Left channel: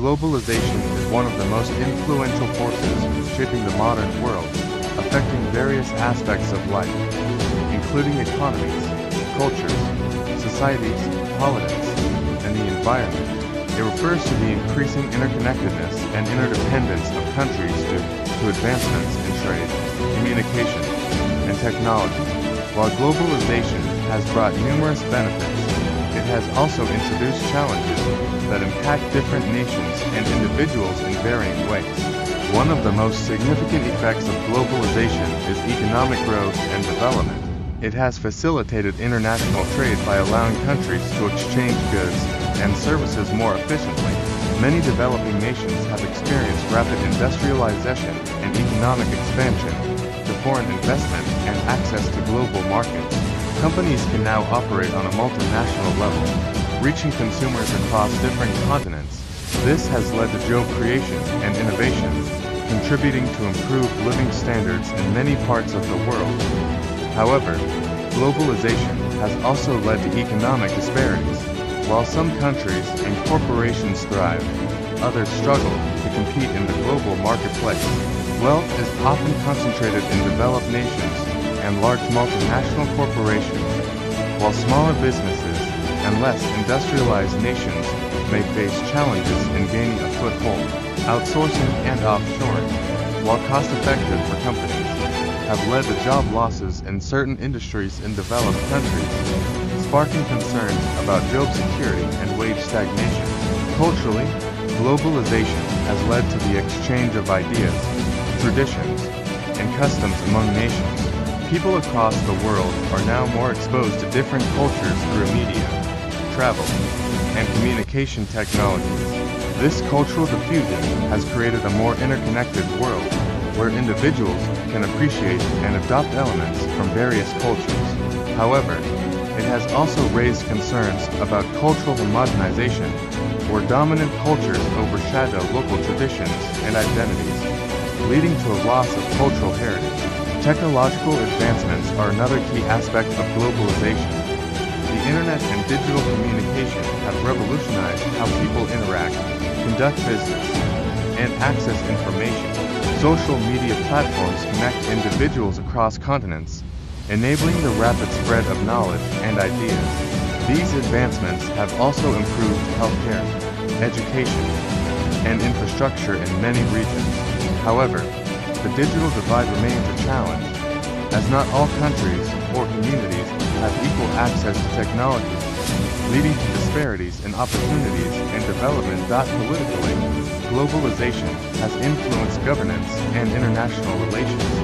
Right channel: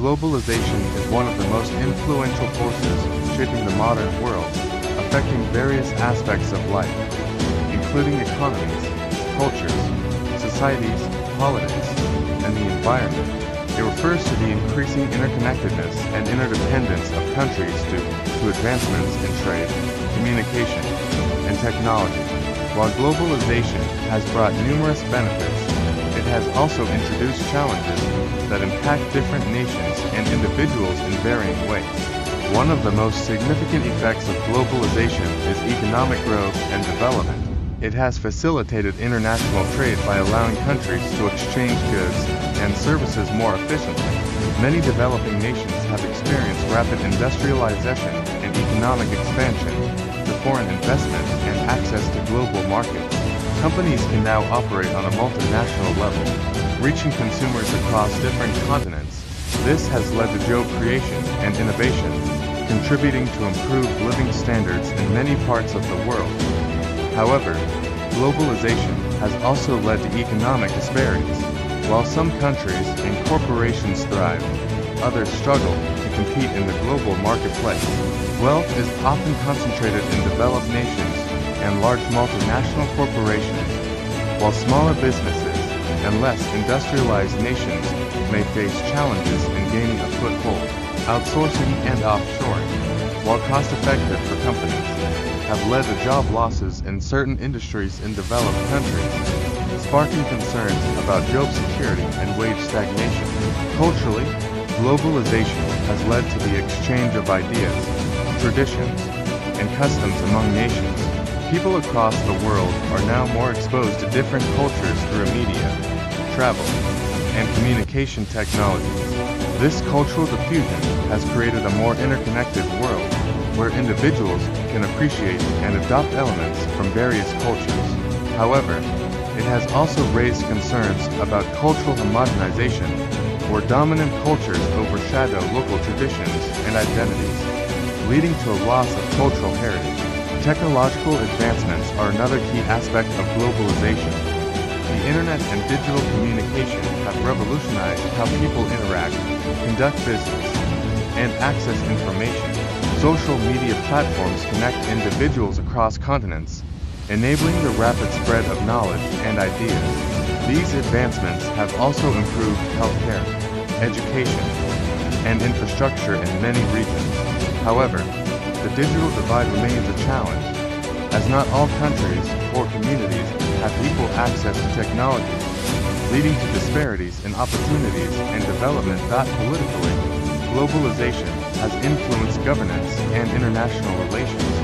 Globalization is one of the most influential forces shaping the modern world, affecting various aspects of life, including economies, cultures, societies, politics, and the environment. It refers to the increasing interconnectedness and interdependence of countries due to advancements in trade, communication, and technology. While globalization has brought numerous benefits, it has also introduced challenges that impact different nations and individuals in varying ways. One of the most significant effects of globalization is economic growth and development. It has facilitated international trade by allowing countries to exchange goods and services more efficiently. Many developing nations have experienced rapid industrialization and economic expansion to foreign investment and access to global markets. Companies can now operate on a multinational level, reaching consumers across different continents. This has led to job creation and innovation, contributing to improved living standards in many parts of the world. However, globalization has also led to economic disparities. While some countries and corporations thrive, others struggle to compete in the global marketplace. Wealth is often concentrated in developed nations and large multinational corporations, while smaller businesses and less industrialized nations may face challenges in gaining a foothold. Outsourcing and offshoring, while cost-effective for companies, have led to job losses in certain industries in developed countries, sparking concerns about job security and wage stagnation. Culturally, globalization has led to the exchange of ideas, traditions, and customs among nations. People across the world are now more exposed to different cultures through media, travel, and communication technologies. This cultural diffusion has created a more interconnected world where individuals can appreciate and adopt elements from various cultures. However, it has also raised concerns about cultural homogenization, where dominant cultures overshadow local traditions and identities, leading to a loss of cultural heritage. Technological advancements are another key aspect of globalization. The internet and digital communication have revolutionized how people interact, conduct business, and access information. Social media platforms connect individuals across continents, enabling the rapid spread of knowledge and ideas. These advancements have also improved healthcare, education, and infrastructure in many regions. However, the digital divide remains a challenge, as not all countries or communities have equal access to technology, leading to disparities in opportunities and development. Politically, globalization has influenced governance and international relations.